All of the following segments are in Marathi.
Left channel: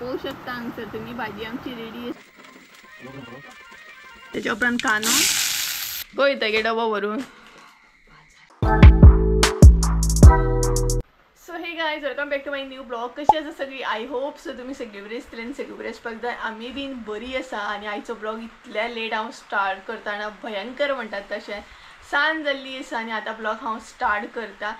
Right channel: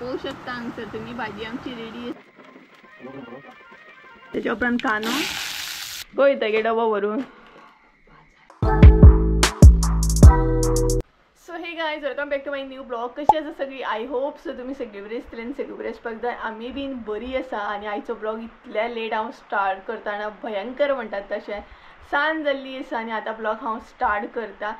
पाहू शकता हांगसर तुम्ही भाजी आमची रेडी. त्याच्या उपरांत कानो गोयता गे डबो भरून. So hey guys, welcome back to my new blog. कशी आसा सगळी? आय होप सो तुम्ही सगळी बरी आसतली आनी सगळी बरी आसपाक जाय. आमी बीन बरी आसा. आनी आयचो ब्लॉग इतल्या लेट हांव स्टार्ट करतना भयंकर म्हणटात तशें सांज जाल्ली आसा आनी आतां ब्लॉग हांव स्टार्ट करता.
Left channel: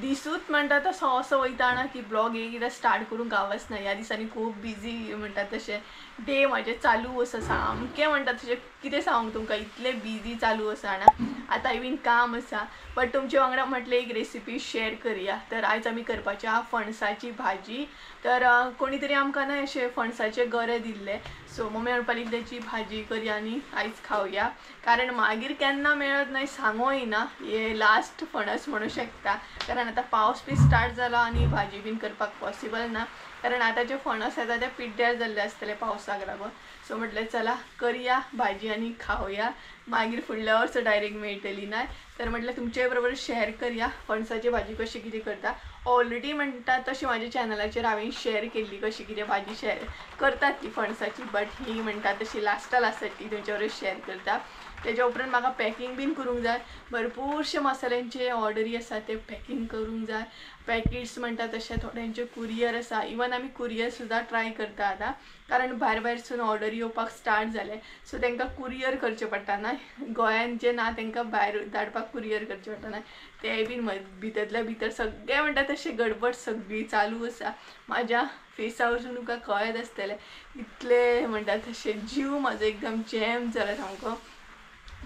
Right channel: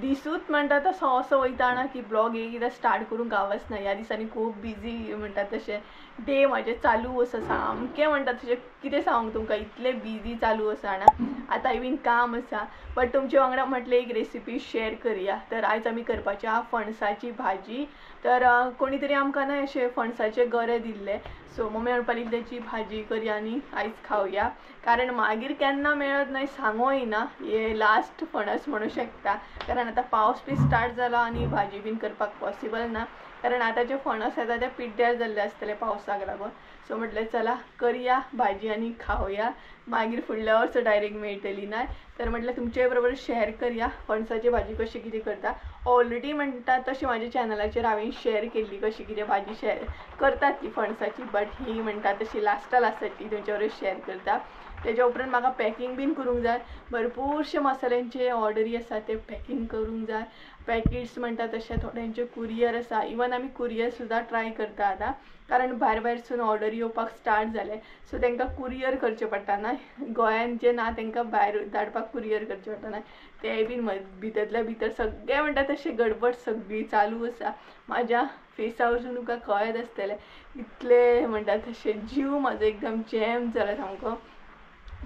दिसूच म्हणटा तसो असो वयताना की ब्लॉग एकदां स्टार्ट करूंक गावच ना. ह्या दिसांनी खूब बिजी म्हणटात तशें डे म्हाजे चालू आसा सामकें म्हणटात तशें. कितें सांगूंक तुमकां, इतलें बिजी चालू आसा ना. आतां बीन काम आसा, बट तुमचे वांगडा म्हटलें एक रेसिपी शेअर करुया. तर आयज आमी करपाची आहा फणसाची भाजी. तर कोणी तरी आमकां ना अशें फणसाचे गरे दिल्ले, सो मम्मी म्हणपाक लागली त्याची भाजी करया आनी आयज खावया. कारण मागीर केन्ना मेळत नाही सांगोय ना, हे लास्ट फणस म्हणू शकता. कारण आता पावस बी स्टार्ट जाला आनी भाजी बीन करपाक पॉसिबल ना. कारण आता जे फणस येता ते पिड्ड्यार जाल्ले आसतले पावसाक लागून. सो म्हटलें चला करुया भाजी आनी खावया, मागीर फुडल्या वर्स डायरेक्ट मेळटली ना. तर म्हटलें तुमचे बरोबर शेअर करुया फणसाची भाजी कशी कितें करता. ऑलरेडी म्हणटा तशी माझ्या चॅनलाचेर हांवें शेअर केल्ली कशी कितें भाजी शेअर करतात ती फणसाची, बट ही म्हणटा तशी लास्टाक ती तुमचे बरोबर शेअर करता. त्याच्या उपरांत म्हाका पॅकिंग बीन करूंक जाय. भरपूरशे मसाल्यांचे ऑर्डरी आसा ते पॅकिंग करूंक जाय. पॅकेट्स म्हणटा तशें थोड्यांचे कुरियर आसा. इवन आमी कुरियर सुद्दां ट्राय करता आतां, कारण भायरसून ऑर्डर येवपाक स्टार्ट जाले. सो तांकां कुरियर करचें पडटा ना. गोंयान जे ना तांकां भायर धाडपाक कुरियर करचें पडटा ना. ते बीन भितरल्या भितर सगळें म्हणटा तशें गडबड सगळी चालू आसा. म्हाज्या फेसा वरसून तुमकां कळत आसतलें इतले म्हणटा तशें जीव म्हाजो एकदम जॅम जाला सामको.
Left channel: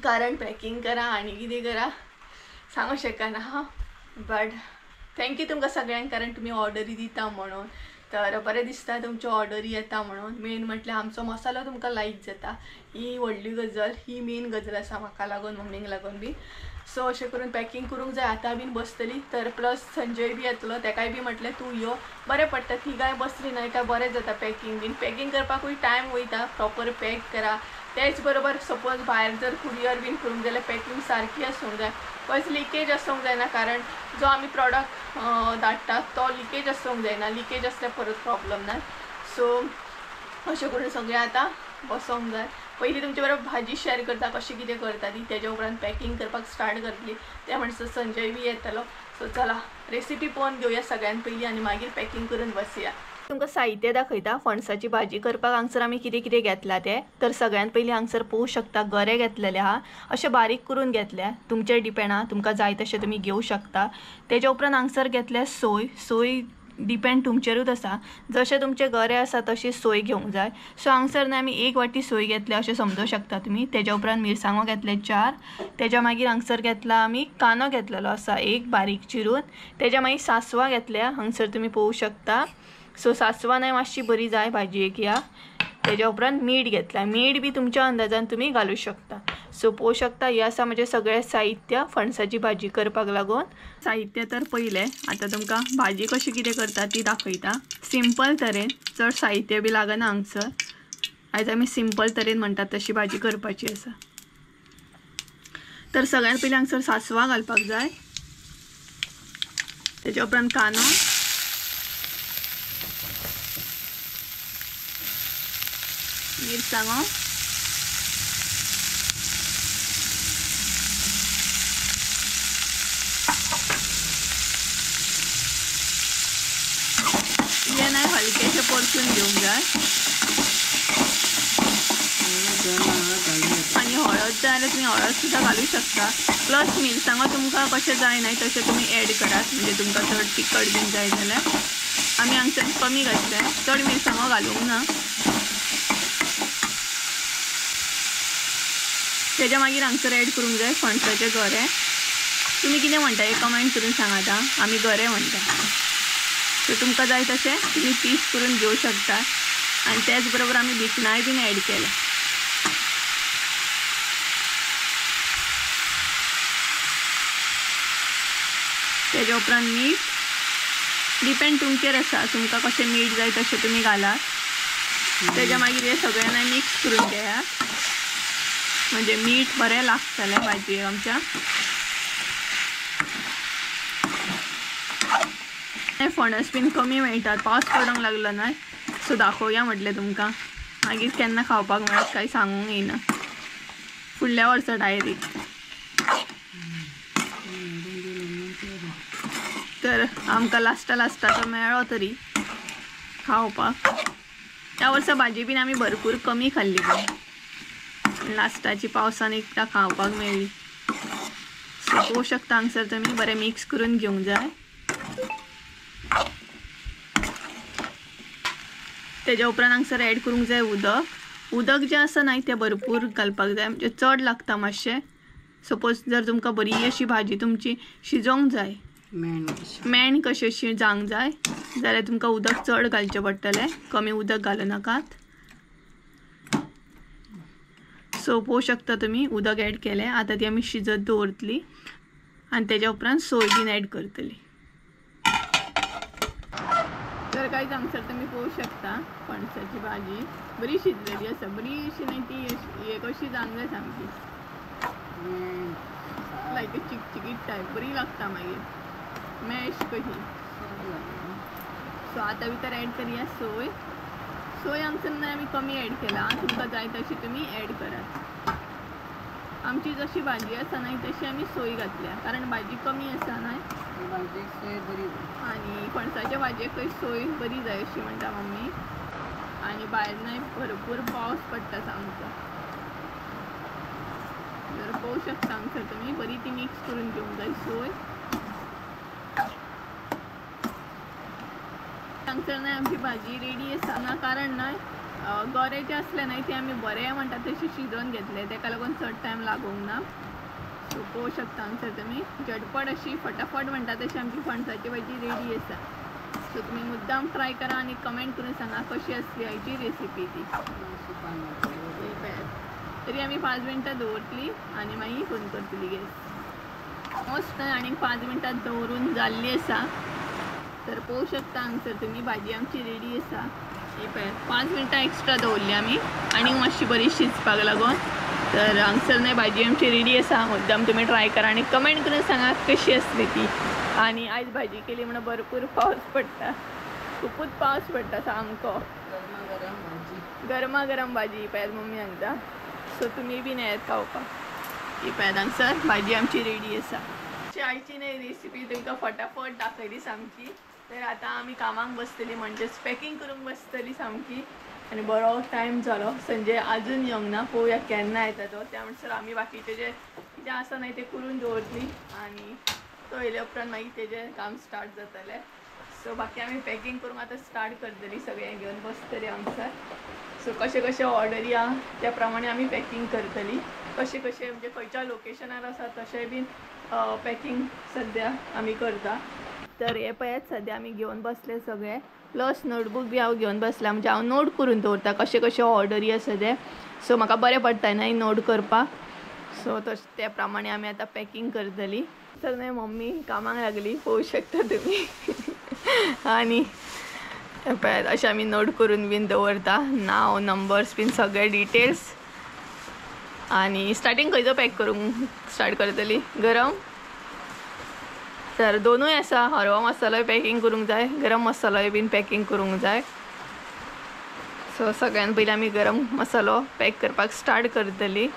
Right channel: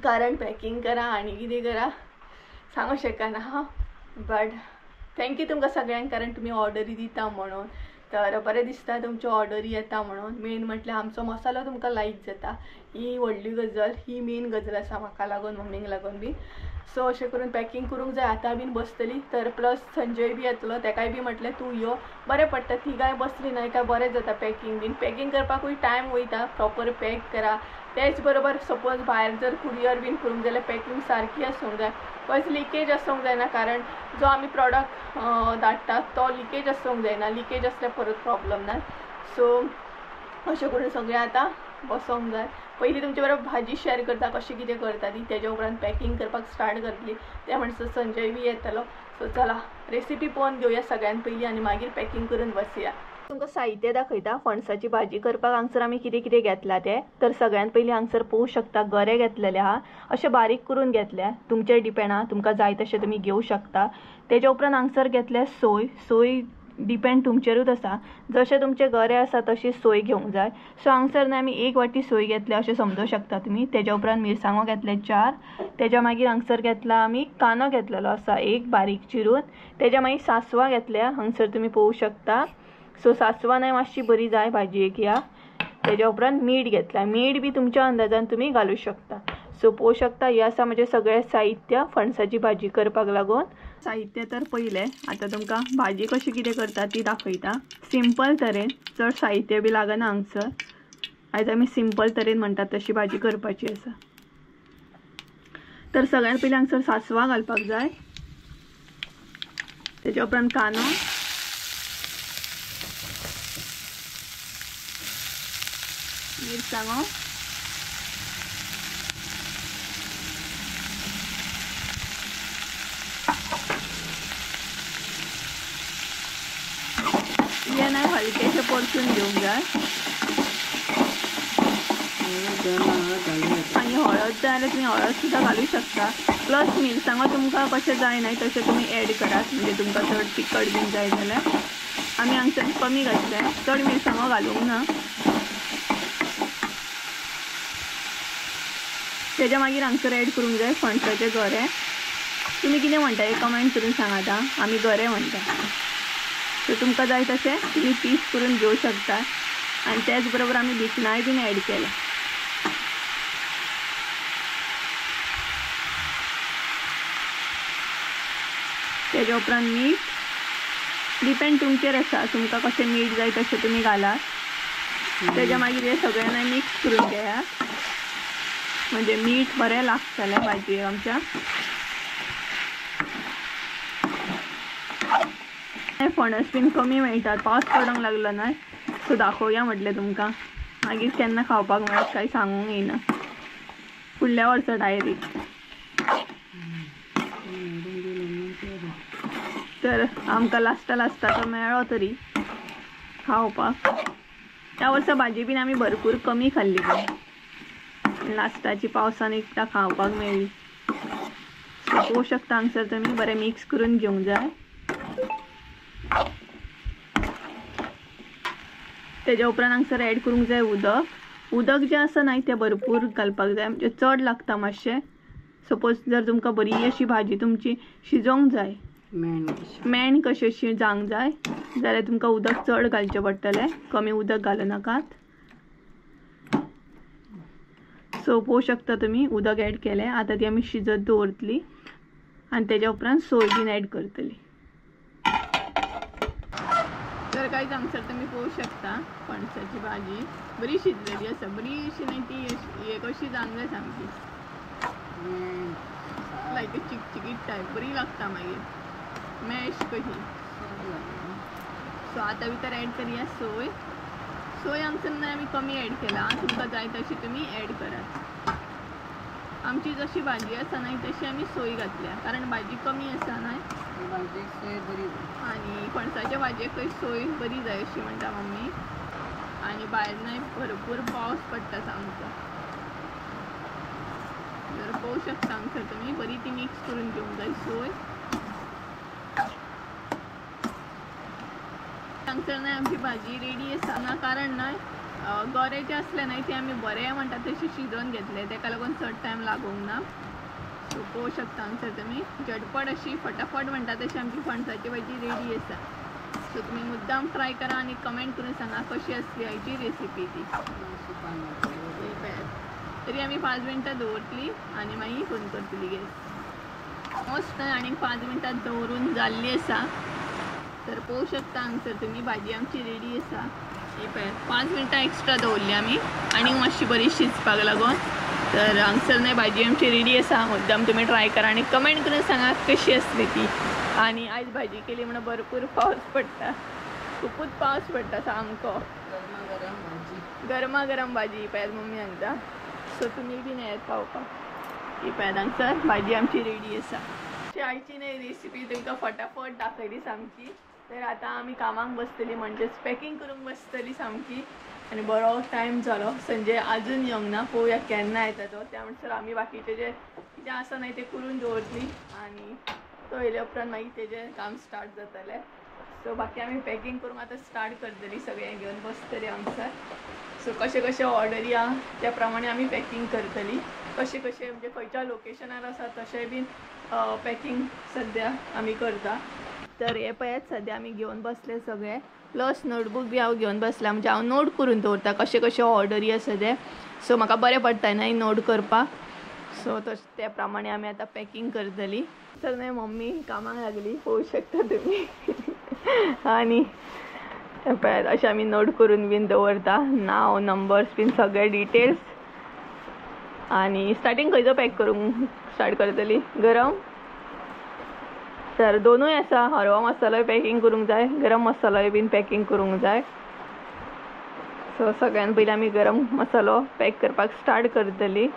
कारण पॅकिंग करा आनी कितें करा सांगूंक शकना हां. बट थँक्यू तुमकां सगळ्यांक, कारण तुमी ऑर्डरी दिता म्हणून. तर बरें दिसता तुमच्यो ऑर्डरी येता म्हणून. मेन म्हटल्यार आमचो मसालो तुमकां लायक जाता, ही व्हडली गजाल, ही मेन गजाल आसा म्हाका लागून, मम्मीक लागून बी. सो अशें करून पॅकिंग करूंक जाय. आतां बीन बसतली. तर प्लस संजय बी येतलो, ताकाय बी म्हटलें तूं यो, बरें पडटा. तिगाय बसली न्हय काय बरें जाता पॅकिंग बीन. पॅकिंग करपाकूय टायम वयता, प्रॉपर पॅक करा. तेच बरोबर सपोज भायर जर कुरियर बीन करूंक जाल्यार पॅकिंग सारकी आसूंक जाय. खंयच लिकेज आसूंक जायना, कारण जो आमी प्रॉडक्ट धाडटा तो लिकेज आसूंक जायना. लिकेज आसल्यार परत प्रॉब्लम ना. सो अशें करून सगळें आतां बसोंक जाय. पयलीं तुमचे बरोबर भाजी शेअर करता कशी कितें करता ती, तेज्या उपरांत पॅकिंग करपाक स्टार्ट करतली. त्या म्हणसर संजय बी येतलो. सो चला रेसिपी पळोवन घेवया सगळ्यान पयलीं आनी मागीर पॅकिंग करून बसया. तुमकां साहित्य दाखयता फणसाची भाजी करपाक. हांगसर आमी कितें कितें घेतला तें. तर सगळ्यान पयलीं हांगसर पळोवंक शकता गरे घेतलेले आहा. अशें बारीक करून घेतल्या, तुमचेर डिपेंड आहा, तुमकां जाय तशें तुमी घेवं शकता. तेज्या उपरांत हांगसर घेतल्या सोय. सोय डिपेंड तुमचेरूच आसा, जशें तुमचे गरे आसा तशी सोय घेवंक जाय. सो हांगसर आमी 1 वाटी सोय घेतल्या अशें समजूंक शकता तुमी. तेज्या उपरांत मिरसांगो घेतले 4. तेज्या मागीर हांगसर घेतला आमी कांदो घेतलेलो आसा 1 बारीक चिरून. तेज्या मागीर सासवां घेतल्या, हांगसर तुमी पळोवंक शकता. सो सासवां मातशी बरी जाय भाजयेक ह्या. तेज्या उपरांत मीठ घेतला. मीठ बी तुमच्या अंदाजान तुमी घालूं शकता. सो पळोवंक शकता हे आसा म्हणजे सगळें साहित्य फणसाची भाजी करपाक लागून. साहित्य तर पयलें, आतां तुमकां भाजी कशी कितें करता ती दाखयता सिंपल तरेन. चड साहित्य बी लागना हांगसर. आयज आमी सिंपल तरेन म्हणटात तशी भाजी करपाची आसा. तर सगळ्यान पयलीं हांगसर सासवां घालपाक जाय. तेज्या उपरांत कांदो, मिरसांगो, हे नाही हलकेशे परतून घेवंक जाय. आणि हळद जाय जाल्यार तुमी हळद सुद्दां घालूं शकता. प्लस मिरसांगो तुमकां कशें जाय न्हय तशें तुमी एड करात, म्हणजे तुमकां चड तिखट बीन जाय जाल्यार. आमी हांगसर कमी घातले, चड मिरसांगो घालूंक ना. तेज्या मागीर हांगसर एड करूंक जाय फणसाचे गरे. तुमी कितें म्हणटा हे कमेंट करून सांगात. आमी गरे म्हणटा. सो तुमकां जाय तशें तुमी पीस करून घेवं शकता. आनी त्याच बरोबर आमी भिकणाय बीन एड केले. तेज्या उपरांत मीठ डिपेंड तुमचेर आसा, तुमकां कशें मीठ जाय तशें तुमी घालात. तेज्या मागीर हे सगळ्यांना मिक्स करून घेया, म्हणजे मीठ बरें लागतलें भाजयेक आमच्या. फणस बीन कमी मेळटात, पावस पडूंक लागलो ना, सो दाखोवया म्हटलें तुमकां, मागीर केन्ना खावपाक मेळत काय सांगूंक येना, फुडल्या वर्सा डायरेक्ट. तर आमकां लास्टाचो मेळ्ळो तरी खावपाक. त्या वर्सा भाजी बीन आमी भरपूर कमी खाल्ली, पण लास्टाची पावसान एकदां खावपाक मेळ्ळी. सो पळोवं शकता हांगसर तुमी बरें मिक्स करून घेवंक जाय. तेज्या उपरांत हांगसर एड करूंक जाय उदक जें आसा न्हय तें भरपूर घालपाक जाय, म्हणजे चड लागता मातशें. सपोज जर तुमकां बरी अशी भाजी तुमची शिजोवंक जाय, मेण कशें शिजांक जाय, जाल्यार तुमकां उदक चड घालचें पडटलें, कमी उदक घालूं नाकात. सो पळोवं शकता तुमी उदक एड केलें. आतां ती आमी शिजत दवरतली आनी तेज्या उपरांत सोय बीन एड करतली. तर कांयच हांगसर तुमी पळोवं शकता पणसाची भाजी बरी शिजलेली आसा, बरी अशी न्हय ती एक अशी जावंक जाय सामकी लायक चिकचिकीत टायप, बरी लागता मागीर मॅश कशी. सो आतां भितर एड करया सोय. सोय हांगसर आमी कमी एड केला, तुमकां जाय तशी तुमी एड करात. आमची जशी भाजी आसा न्हय तशी आमी सोय घातल्या, कारण भाजी कमी आसा न्हय आनी पणसाच्या भाजयेक सोय बरी जाय अशी म्हणटा मम्मी. आनी भायर न्हय भरपूर पावस पडटा सामको. जर पळोवं शकता हांगसर तुमी बरी ती मिक्स करून घेवंक जाय सोय. हांगसर न्हय आमची भाजी रेडी आसा, कारण न्हय गरे जे असले न्हय ते आमी बरे म्हणटा तशी शिजोवन घेतले, तेका लागून चड टायम लागोंक ना. सो पळोवं शकता हांगसर तुमी झटपट अशी फटाफट म्हणटा तशी आमची पणसाची भाजी रेडी आसा. सो तुमी मुद्दाम ट्राय करा आनी कमेंट करून सांगा कशी आसली हाची रेसिपी ती. तरी आमी 5 मिनटां दवरतली आनी मागीर बंद करतली गॅस. मस्त आनी 5 मिनटां दवरून जाल्ली आसा. तर पळोवं शकता हांगसर तुमी भाजी आमची रेडी आसा. ही पळय 5 मिनटां एक्स्ट्रा दवरली आमी आनी मातशी बरी शिजपाक लागून. तर हांगसर न्हय भाजी आमची रेडी आसा, मुद्दाम तुमी ट्राय करा आनी कमेंट करून सांगा कशी आसली ती. आनी आयज भाजी केली म्हणून भरपूर पावस पडटा, खुपूच पावस पडटा सामको. गरमा गरम भाजी पळयात मम्मी सांगता. सो तुमी बीन येयात खावपाक. ही पळयात हांगसर भाजी आमची रेडी आसा. आयची न्हय रेसिपी तुमकां फटाफट दाखयली सामकी. तर आतां आमी कामाक बसतली, म्हणजेच पॅकिंग करूंक बसतली सामकी. आनी बरो टायम जालो, संजय आजून येवंक ना, पळोवया केन्ना येता तो. त्या म्हणसर आमी बाकीचें जें कितें आसा न्हय तें करून दवरतली आनी तो येयल्या उपरांत मागीर तेजें काम स्टार्ट जातलें. सो बाकी आमी पॅकिंग करूंक आतां स्टार्ट करतली, सगळें घेवन बसतली हांगसर. सो कशें कशें ऑर्डरी आहा त्या प्रमाणे आमी पॅकिंग करतली. कशें कशें म्हणजे खंयच्या लोकेशनार आसा तशें बीन पॅकिंग सद्या आमी करता. तर हे पळयात सद्या आमी घेवन बसले सगळे, प्लस नोटबूक बी हांव घेवन बसला, म्हणजे हांव नोट करून दवरता कशें कशें ऑर्डरी आसा ते. सो म्हाका बरें पडटा न्हय नोट करपाक. सो तशें त्या प्रमाणे आमी आतां पॅकिंग करतली. तर न्हय मम्मी कामाक लागली, पळोवं शकता तुमी. आनी पळयात अशें आमी नोट करून बीन दवरता, नांव नंबर्स बीन सगळे डिटेल्स. आनी स्टार्टींग खंयचो पॅक करूंक स्टार्ट करतली? गरम. तर दोनूय आसा, हरवा मसालोय पॅकिंग करूंक जाय, गरम मसालोय बीन पॅकिंग करूंक जाय. सो सगळ्यान पयलीं आमी गरम मसालो पॅक करपाक स्टार्ट करतली.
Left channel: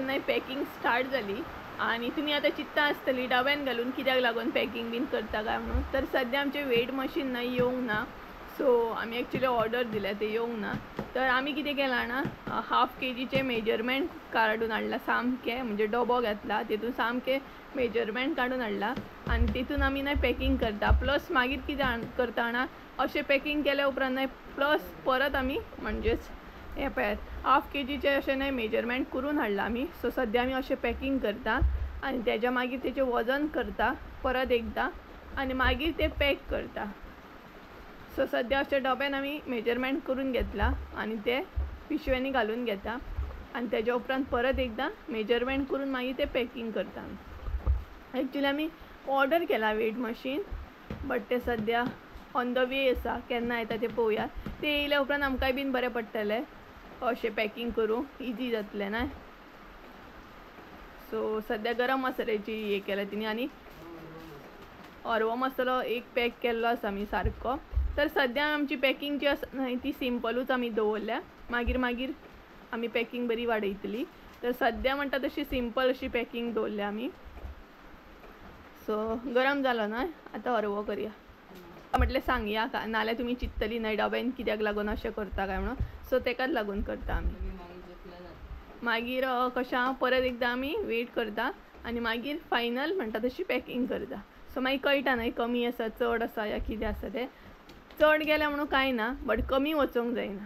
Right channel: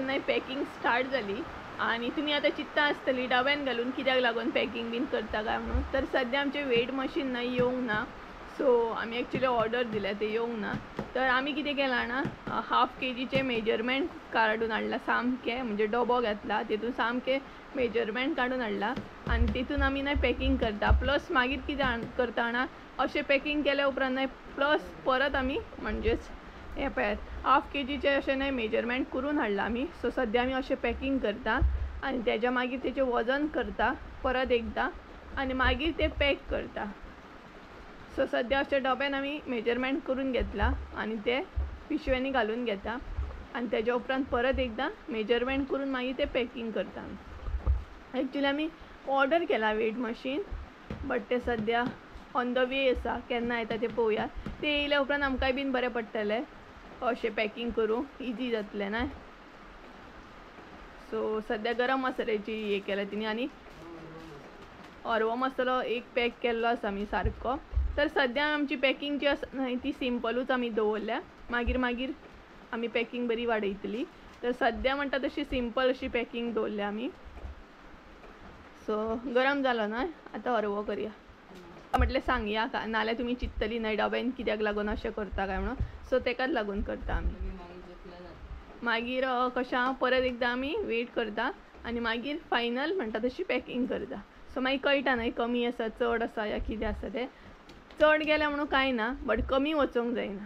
नाही पॅकिंग स्टार्ट झाली आणि तुम्ही आता चित्ता आसतली डब्यान घालून कित्याक लागून पॅकिंग बीन करता काय म्हणून. तर सध्या आमचे वेट मशीन नाही येवंक ना, सो आमी एक्चुली ऑर्डर दिल्या ते येवंक ना. तर आमी कितें केलां ना, हाफ केजीचे मेजरमेंट काडून हाडला सामकें, म्हणजे डबो घेतला तितून सामकें मेजरमेंट काडून हाडला आनी तितून आमी न्हय पॅकिंग करता. प्लस मागीर कितें करता ना, अशें पॅकिंग केल्या उपरांत न्हय प्लस परत आमी म्हणजेच हे पळयात हाफ केजीचे अशें न्हय मेजरमेंट करून हाडला आमी. सो सद्या आमी अशें पॅकिंग करता आनी तेज्या मागीर तेचें वजन करता परत एकदां आनी मागीर ते पॅक करता. सो सद्या अशे डब्यान आमी मेजरमेंट करून घेतला आनी ते पिशवेंनी घालून घेता आनी तेज्या उपरांत परत एकदां मेजरमेंट करून मागीर ते पॅकिंग करता. एक्चुली आमी ऑर्डर केला वेट मशीन, बट ते सद्या ऑन द वे आसा, केन्ना येता ते पळोवया. ते येयल्या उपरांत आमकांय बीन बरें पडटलें अशें पॅकिंग करूंक, इजी जातलें ना. सो सद्या गरम मसाल्याची हे केल्या तिणी आनी हरवो मसालो एक पॅक केल्लो आसा आमी सारको. तर सद्या आमची पॅकिंग जी आसा न्हय ती सिंपलूच आमी दवरल्या, मागीर मागीर आमी पॅकिंग बरी वाडयतली. तर सद्या म्हणटा तशी सिंपल अशी पॅकिंग दवरल्या आमी. सो गरम जालो न्हय, आतां हरवो करया. म्हटलें सांगया का, नाल्यार तुमी चिंततली न्हय डब्यान कित्याक लागून अशें करता काय म्हणून. सो तेकाच लागून करता आमी. मागीर कशें परत एकदां आमी वेट करता आनी मागीर फायनल म्हणटा तशी पॅकिंग करता. सो मागीर कळटा न्हय कमी आसा चड आसा या कितें आसा तें. चड गेल्या म्हणून कांय ना, बट कमी वचोंक जायना.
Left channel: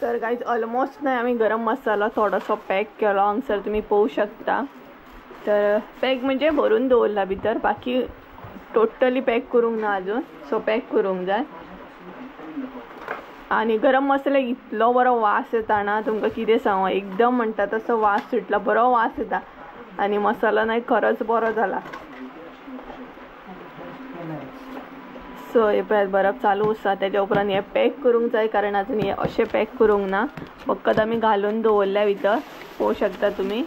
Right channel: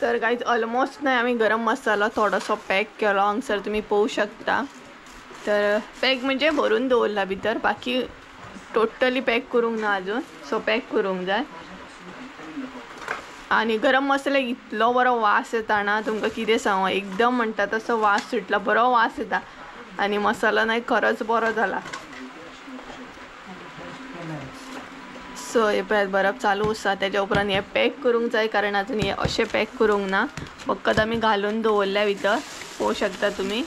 तर गायज ऑलमोस्ट नाही आम्ही गरम मसाला थोडासो पॅक केलो, हांगसर तुम्ही पळोवू शकता. तर पॅक म्हणजे भरून दवरला भितर, बाकी टोटली पॅक करूंक ना अजून. सो पॅक करूंक जाय. आणि गरम मसाला इतलो बरो वास येता ना, तुमकां कितें सांगू, एकदम म्हणटा तसो वास सुटला, बरो वास येता आणि मसाला नाही खरंच बरो जाला. सो हे पळयात बरफ चालू आसा, तेज्या उपरांत हे पॅक करूंक जाय कारण अजून हे अशें पॅक करूंक ना, फकत आमी घालून दवरल्या भितर, पळोवू शकता तुमी.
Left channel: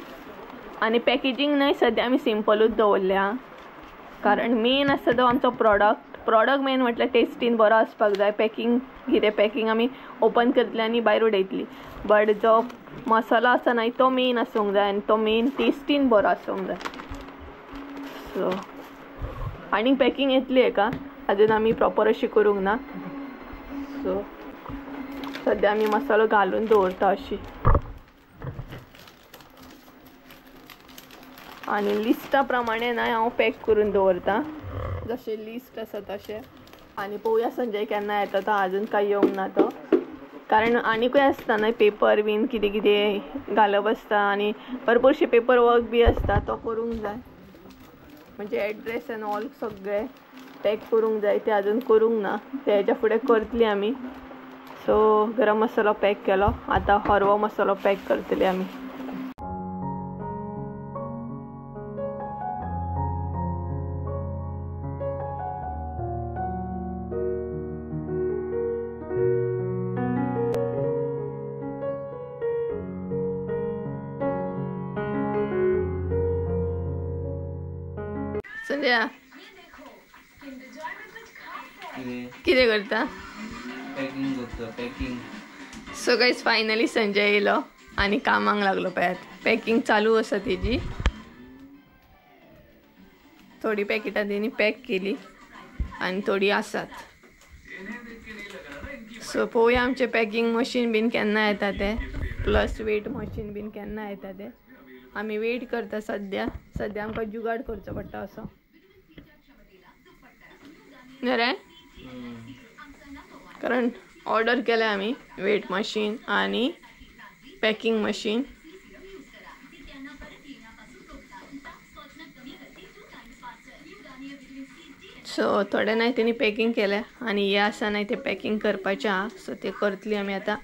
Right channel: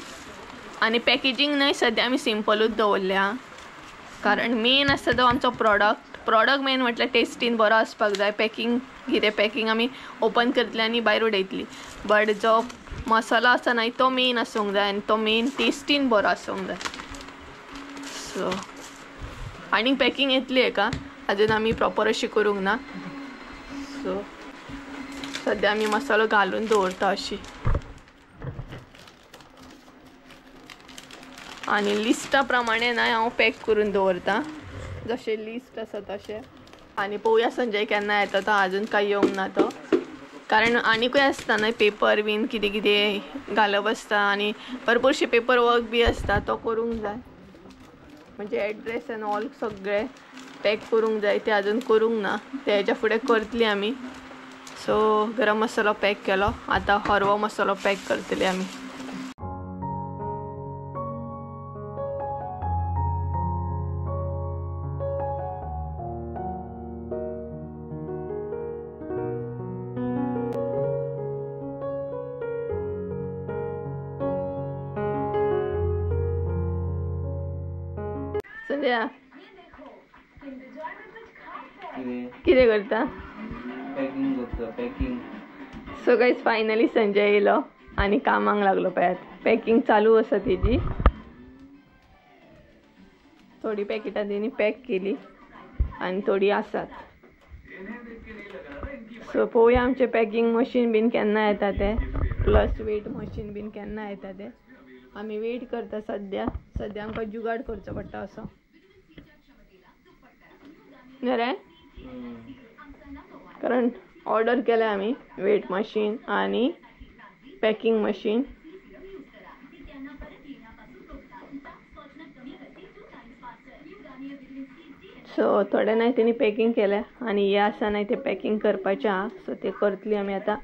आणि पॅकेजींग न्हय सद्या आमी सिंपलूच दवरल्या कारण मेन आसता तो आमचो प्रॉडक्ट मेन म्हटल्यार टेस्टीन बरो आसपाक जाय. पॅकिंग आमी ओपन करतली आनी भायर उडयतली, बट जो मसाला आसा न्हय तो मेन आसूंक जाय आनी तो मेन टेस्टीन बरो आसूंक जाय. सो आनी पॅकिंग येतली हेका, अजून आमी प्रॉपर अशी करूंक ना. सो सद्या आमी मसालो घालून दवरता अशी. आणि लिस्टा प्रमाणे ना हांव पॅक करून दवरता, जशें लिस्ट आसा तशें. आनी पळोवया संजय केन्ना येता तो, अजून कांय येवंक ना तो, कारण आनीकूय आसता न्हय पेपर बीन कितें कितें घालप आसता आनी भरपूरशी पेपर वर्क बी आसता, तो करूंक जाय. म्हणजे एड्रेस एंड ऑल सगळें पॅक करूंक जाय, ते अजून करूंक ना, ते हेच्या फुडें करतली आमी. सो गरम मसालो पॅक केलो, आतां हरवो मसालो पॅक करतली आमी. संजय कितें करता? पॅकिंग करता. Packing. So guys finally Sanjay येयलो आनी कामाक लागलो. पळयात पॅकिंग चालू आसा तेजी. थोडी पॅकेटां तेणी पॅक केली आनी थोडी आसात. सो पळोवया आमचें पॅकिंग मशीन बीन केन्ना येता तें, प्लस वेट मशीन बीन केन्ना येता तें. आमी वेट करता सद्या आमकां जुगाड करचो पडटा असो न्ही रे, कारण ऑर्डर केल्या आमी वेट मशीन आनी पॅकिंग मशीन. सो थोडे नाही तेणी पॅकिंग केल्या आनी हे आसा नाही ते पॅकिंग करपाचें आहा. सो ते करतली आमी आतां.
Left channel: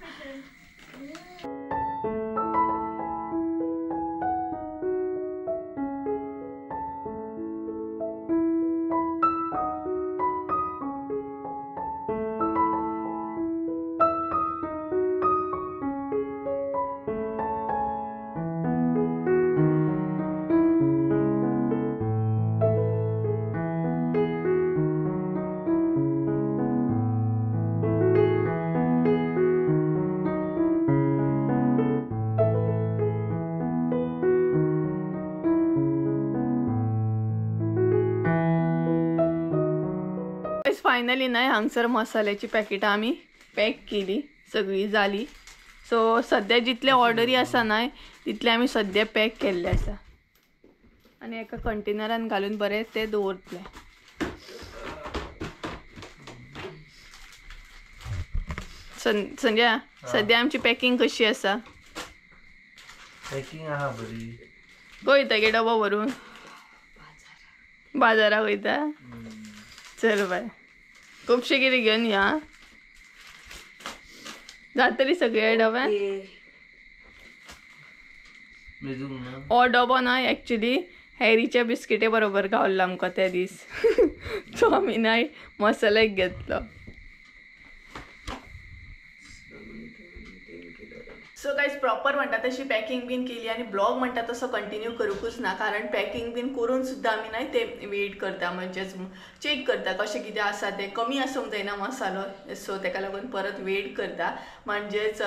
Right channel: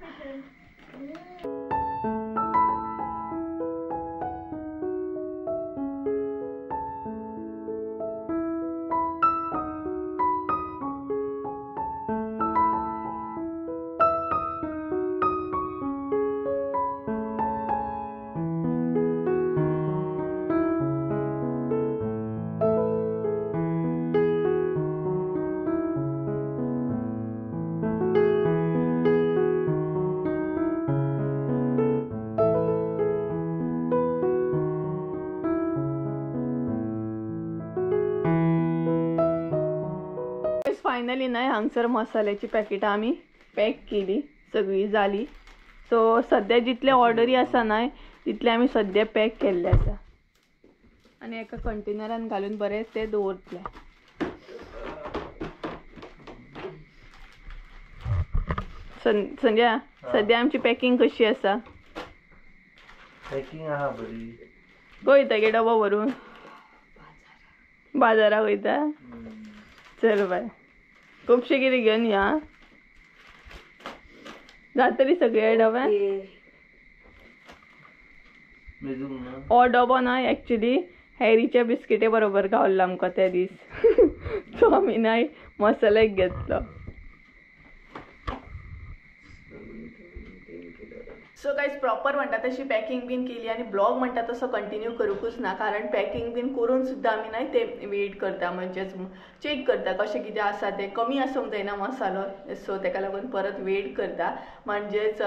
फायनली नाही हांगसर मसाल्याची पॅकेटां आमी पॅक केली, सगळी जाली. सो सध्या जितले ऑर्डरी आसा न्हय तितले आमी सद्या पॅक केल्ले आसा आनी एका कंटेनरान घालून बरें ते दवरतले. संजय सद्या आमची पॅकिंग कशी आसा? पॅकिंग आहा बरी. वयता गे डबो भरून बाजाराक वयता? चल बाय, खुबशे कितें घेवन या. जातली सगळे डब्यान? हो डबो ना एक्चुली हॅरीच्या बिस्किटे बरोबर गावल्लो आमकां त्या दीस. सो आमी नाही मसालो एक घेतलो. सो गायज प्रॉपर म्हणटा तशी पॅकिंग बीन केली आणि ब्लॉग म्हणटा तसो कंटिन्यू करूकूच ना, कारण पॅकिंग बीन करून सुद्धा आमी नाही ते वेट करता, म्हणजेच चेक करता कशें कितें आसा ते. कमी आसूंक जायना मसालो, सो ताका लागून परत वेट करता. म्हणजेच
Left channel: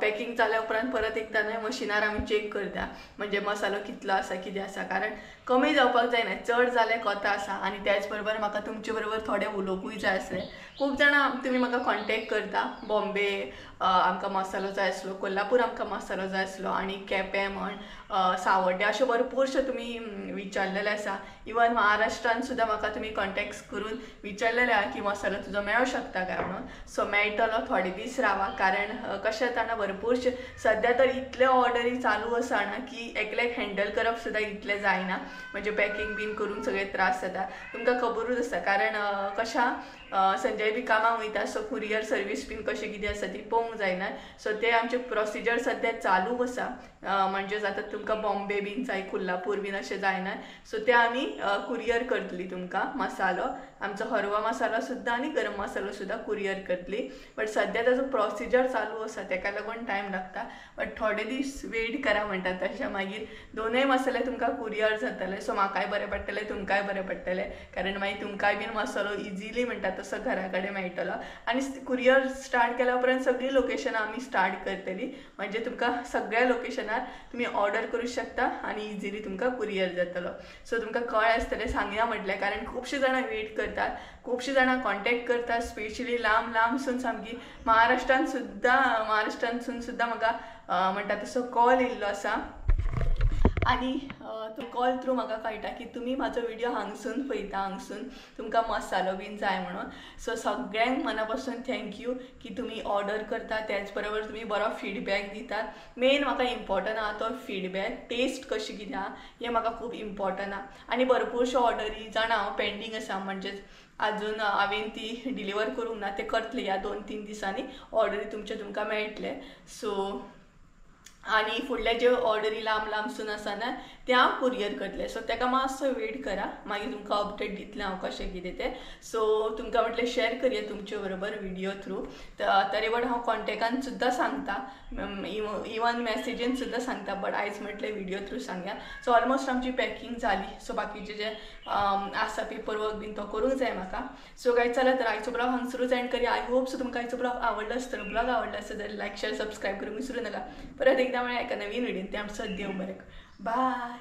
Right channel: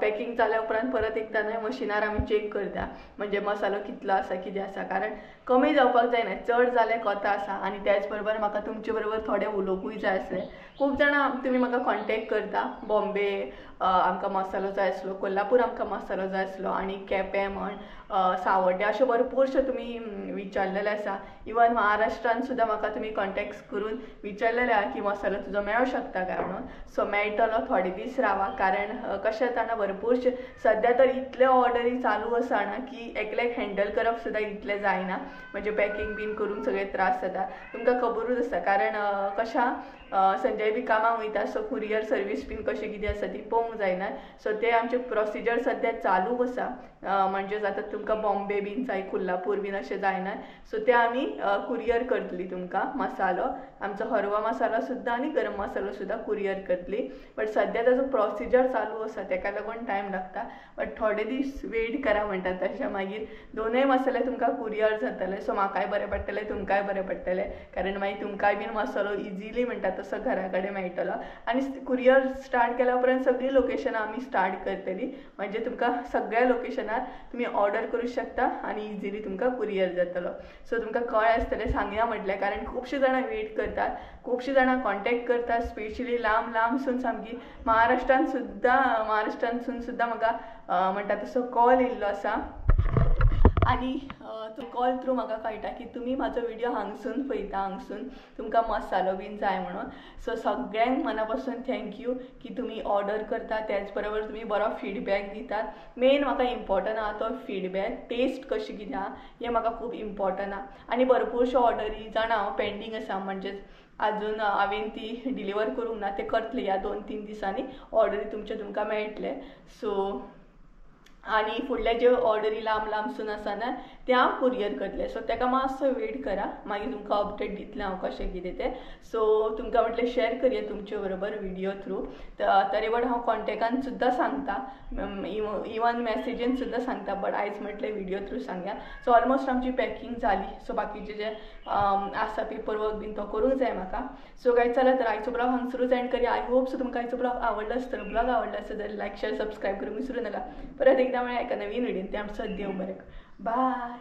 पॅकिंग जाल्या उपरांत परत एकदा नाही मशिनार आमी चेक करता, म्हणजे मसालो कितलो आसा कितें आसा, कारण कमी जावपाक जायना, चड जाल्यार कोता आसा. आनी त्याच बरोबर म्हाका तुमचे बरोबर थोडे उलोवपूय जाय आसले. खूब जाणां तुमी म्हाका कॉन्टेक्ट करता, बॉम्बे आमकां मसालो जाय आसलो, कोल्हापूर आमकां मसालो जाय आसलो, आनी केपें म्हण सावड्डे अशे भरपूरशे तुमी विचारलेले आसा. इवन महाराष्ट्रान सुद्दां म्हाका तुमी कॉन्टेक्ट करून विचारलेले आहा की मसालो तुजो मेळूं शकता काय म्हणून. सो मेळटलो, थोडे दीस रावा, कारण कशें जाता भरपूरशे सद्या तर इतले ऑर्डरी चालू आसा ना की एकल्याक हँडल करप सुद्दां इतलें जायना, म्हणजे पॅकिंग बीन करून सगळे त्रास जाता. तुमकां खबरूच आसा, कारण कशा संजय बी कामाक वयता, सो कुरियर सर्वीस बीन कशें कितें आसा ती पळोवंक जायना. सो ते आमचे प्रोसिजर सद्या चालू आसा, म्हणजे जाता तुमकां बॉम्बे बीन जाय, कोल्हापूर बीन अशें जायना. सो ते आमी कुरियर करतली तुमकां मसालो, आमचो हरवा मसालो सुद्दां आनी गरम मसालो सुद्दां कुरियर करतली. बट सद्या ताजो प्रोसिजर चालू आसा, ताका लागून टायम लागता. बट थोडे दीस वेट करा म्हणटात तशें, मागीर दोनूय मसाले तुमकां कुरियर जातले. सो म्हाकाय बरें पडटलें, तुमकांय बरें पडटलें, कारण मागीर तुमकांय बीन मसालो इजिली म्हणटा तसो घरा कडेन मेळटलो. आनी कुरियर स्टार्ट केल्या उपरांत सगळीं लोकेशनां आमी स्टार्ट करतली, म्हणजे तुमकां सगळ्या लोकेशनार तुम्ही ऑर्डर करू शकता आनी इजिली तुमकां कुरियर जातलो. सो तुमकां कळ्ळें आसतलें, सांगया म्हटलें, कारण खुबशीं जाणां वेट करतात, खुबशीं जाणां कॉन्टेक्ट करतात, स्पेशली लांब लांबसून सामकी महाराष्ट्रान सुद्दां म्हाका म्हणटा तसो कॉल येयल्लो आसा. आनी तो कॉल थ्रू म्हाका कळटा की तुमी म्हाजो व्हिडिओ हांगसून पळयता, हांगसून तुमकां मसालो बीन जाय म्हणून. सो सगळ्यांक मना पासून थँक्यू की तुमी ऑर्डर करता, त्याच बरोबर तुमी बरो फीडबॅक दितात. मेन म्हाका इम्पॉर्टंट आहा तो फीडबॅक, टेस्ट कशी कितें आहा हें म्हाका खूब इम्पॉर्टंट आहा. आनी भरपूरश्यो ऑर्डरी जाणा हांव पेंडींग आसा, म्हणजेच अजून हांवें ती डिलिव्हर करूंक ना, ते करतले ह्या 2-3 दिसांनी ऑर्डरी तुमकां मेळटले. सो आनी फुडले जे ऑर्डरी लांब लांबसून आसा ना ते हांव कुरियर करतलें. सो ताका मातसो वेट करा, मागीर तुमकां अपडेट दितलें हांव कशें कितें तें. सो तुमकां म्हटलें शेअर करया तुमचे बरोबर व्हिडिओ थ्रू. तरेवड हांव कॉन्टेक्टान सुद्दां सांगता, इवन मॅसेजीन सुद्दां सांगता, बट आयज म्हटलें व्हिडिओ थ्रू सांगया. सो ऑलमोस्ट आमची पॅकिंग जाली. सो बाकीचे जे आसा पेपर वर्क बीन तो करूंक जाय म्हाका. सो गायज चला तर आयचो ब्लॉग हांगसरूच एंड करया. आय होप सो तुमकां आयचो ब्लॉग आवडलो आसतलो. ब्लॉग आवडलो आसत जाल्यार लायक शेअर सबस्क्राईब करूंक विसरू नाका. परत एकदा मेळया एका नवीन व्हिडिओन. ते आमचो देव बरें. बाय.